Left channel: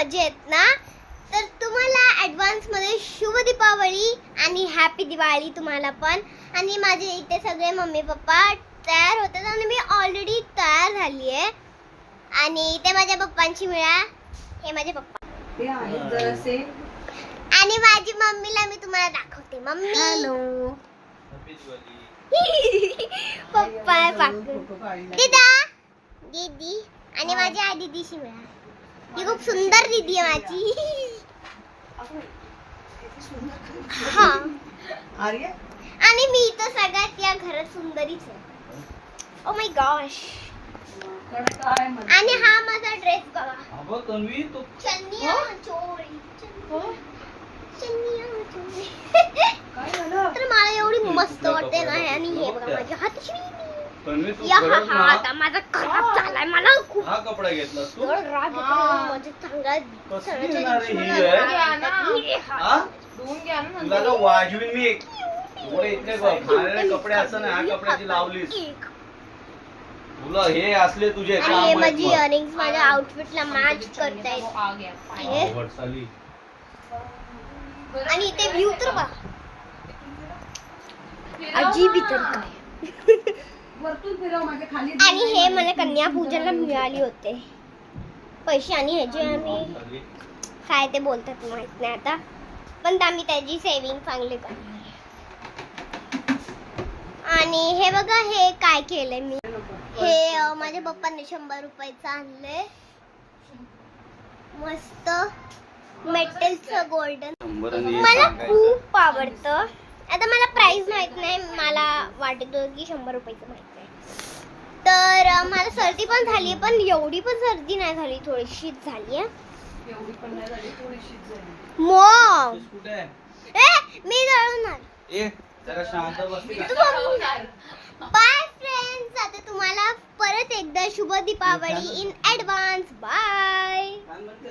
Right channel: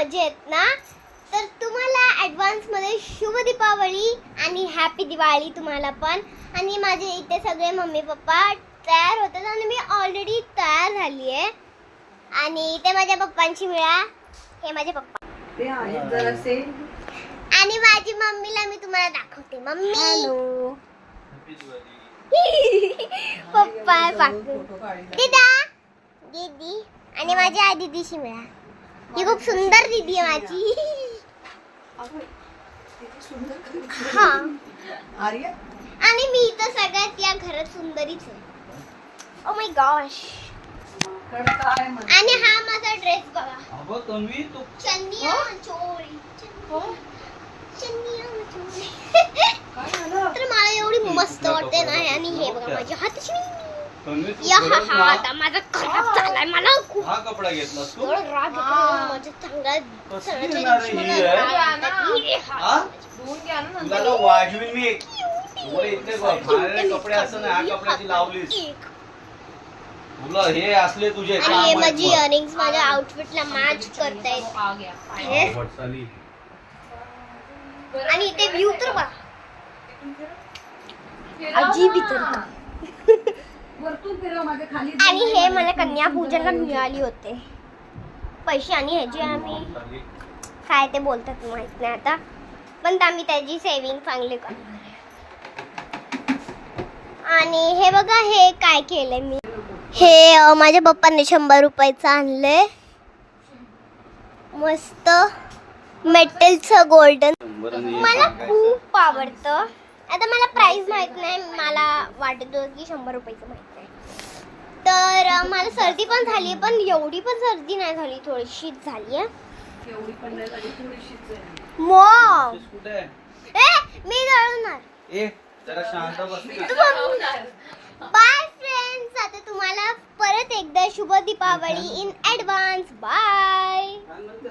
मजेत ना? तर तुम्हाला ॲडव्हान्स मध्ये शुभ दीपावली आणि हॅपी दिवाळी तुम्हाला पण. आणि माझे इथे सगळे मम्मी पप्पा तयार होतात आणि मी ऑलरेडी तयार झाली आहे. आणि इथे माझ्या पप्पांची मिळा, हे माझे पप्पा ते आहेत जरासे. आणि माझी मम्मीला मी तुम्हाला दाखवते. मम्मी हॅलो पप्पा दीदा दीदी आणि माझी आई दीदीशी मिळा. ही खूप सुंदर दीदी आहे माझी. हा आर्या आणि मी तर सगळ्यात या घरात सुंदरीच आहे. Oh my gosh. आणि हा माझा ड्रेस बघा. अगं तन्वी तू चन्निया चोळी. चन्निया चोळी. काय झालं? तर मला एवढी मस्त वाटते ना. आणि हे बघा माझ्या हाताची तन्वी तू या खरंच ना आता माझा खराब झालाय. मला खूप हा कपडा घेतला तू एवढं राग येतो माझ्या चांगला कसली येणार आहे ही आहे? हा? धुवून घ्या ना तुला नंतर. तर वाजवीन मी एवढे इतके घाणेरडे कपडे असं ना ह्या कपड्याची लावलीस तुला हे असले तुझे आणि हे माझी इयरिंग्स माझ्या आउटफिटला मॅच करतायत. आ गया. हे. आणि इथे व्ह्यू तर बघा. अजीब इतर वरतून फिरव माझ्या खाली. आणि हे मला कन्या पूजनला मिळाली होते पैसे. आणि ह्याचे आम्ही काय ते बोलतात माहित नाही आता, पण आम्ही त्याची सेविंग चांगली करणार. आणि हे बघा हे काय केलंय मी. हे माझ्या पप्पांनी 100 रुपयाचं आणलंय. मस्त मेटलचं गोल्डन. मला खूप आवडतं. आता मला प्राइस माहित नाही, मला वाटत होतं की 100 रुपयाचं माहित नाही. तर मला सर्दी पण झाली, पण एवढी पण सर्दी नाही झाली, थोडीशीच झाली आहे. एवढी पण नाही झाली, थोडीशीच झाली. मॉम कुठे आहे? मी जळणार. ए जरा शांत बसली का? Bye friends. आता तुम्हाला परत एकदा शुभ दीपावली इन ॲडव्हान्स. बाय.